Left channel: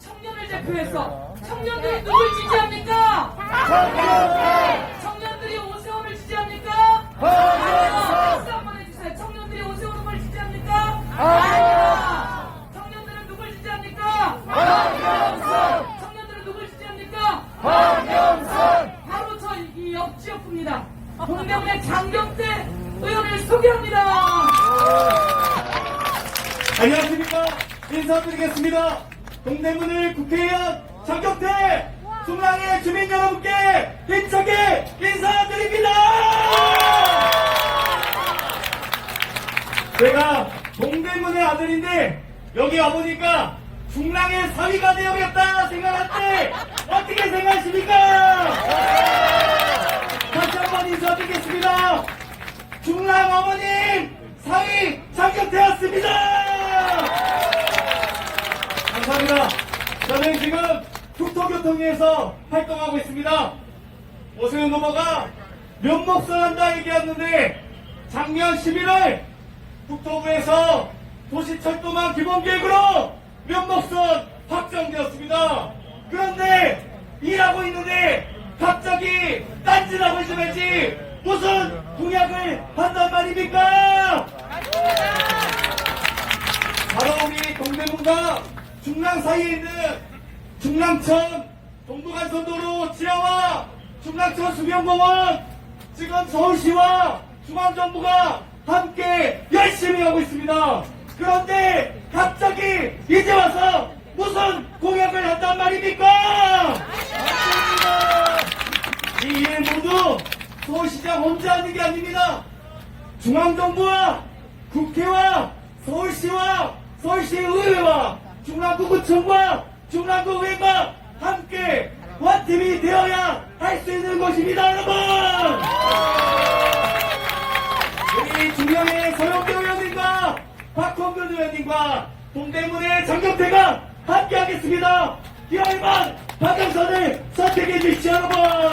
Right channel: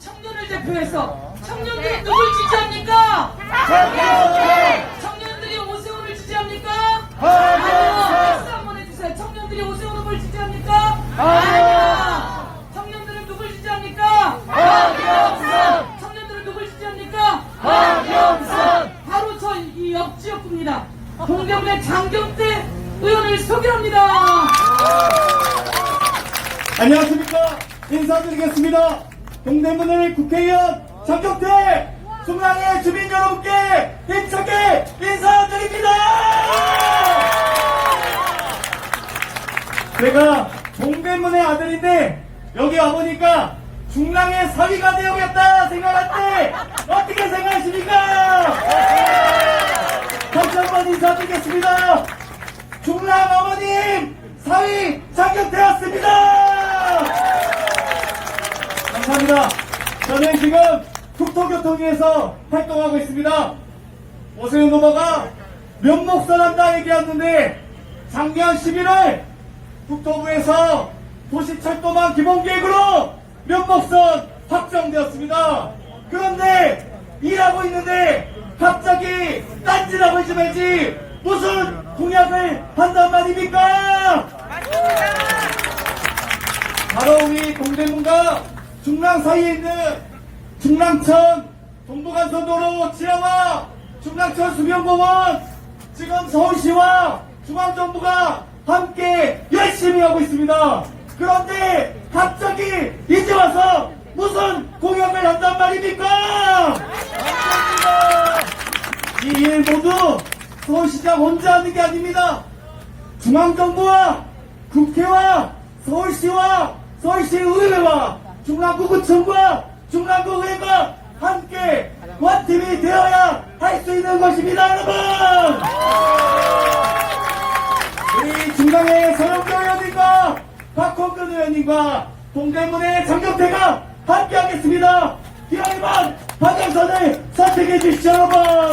청년을 대표해서 청년들이 누굴 지지합니까? 청년들이 오세훈을 지지합니까? 아니요. 박수 한번 해주세요. 청년들이 오세훈 후보를 지지합니까? 아니요. 청년들은 누굴 지지합니까? 박영선. 청년들은 누굴 지지합니까? 박영선. 바로 저 이 옆 지역구입니다. 동대문의 장경태 의원을 소개합니다. 안녕하십니까 인사드리겠습니다 동대문을 국회의원 장경태 중랑의 주민 여러분께 힘차게 인사드립니다. 제가 동대문의 아들인데 여기 와보니까 중랑의 사위가 되어야겠다 생각할 때 어떻게 생각하십니까? 다시 한번 인사드리겠습니다. 중랑 어머님 사위 장경태였습니다. 감사합니다. 저는 지금 국토교통위에서 활동하고 있습니다. 오세훈 후보가 면목선한다 얘기했는데 작년 11월 국토부에서 도시철도망 기본계획으로 면목선 확정되었습니다. 그런데 일하고 있는데 갑자기 딴짓하고 있지 말지 무슨 공약을 한단 말입니까? 바로 우리 동대문과 중랑 사이에 있는 중랑천 동부간선도로 지형화 중랑천 수변공원 지금 서울시와 중앙정부가 함께 열심히 하고 있습니다. 그런데 갑자기 이제 와서 무슨 공약을 한단 말입니까? 이 일 모두 서울시장 혼자 하는 게 아닙니다. 중앙정부와 국회와 서울시와 서울시 의회와 중랑구구청과 중랑구의회가 함께 원팀이 되어야 할 수 있는 것입니다, 여러분! 우리 중랑의 서영교 의원님과 박홍근 의원님과 동대문의 장경태가 함께 하겠습니다. 기왕이만 박영선을 선택해 주시죠, 여러분!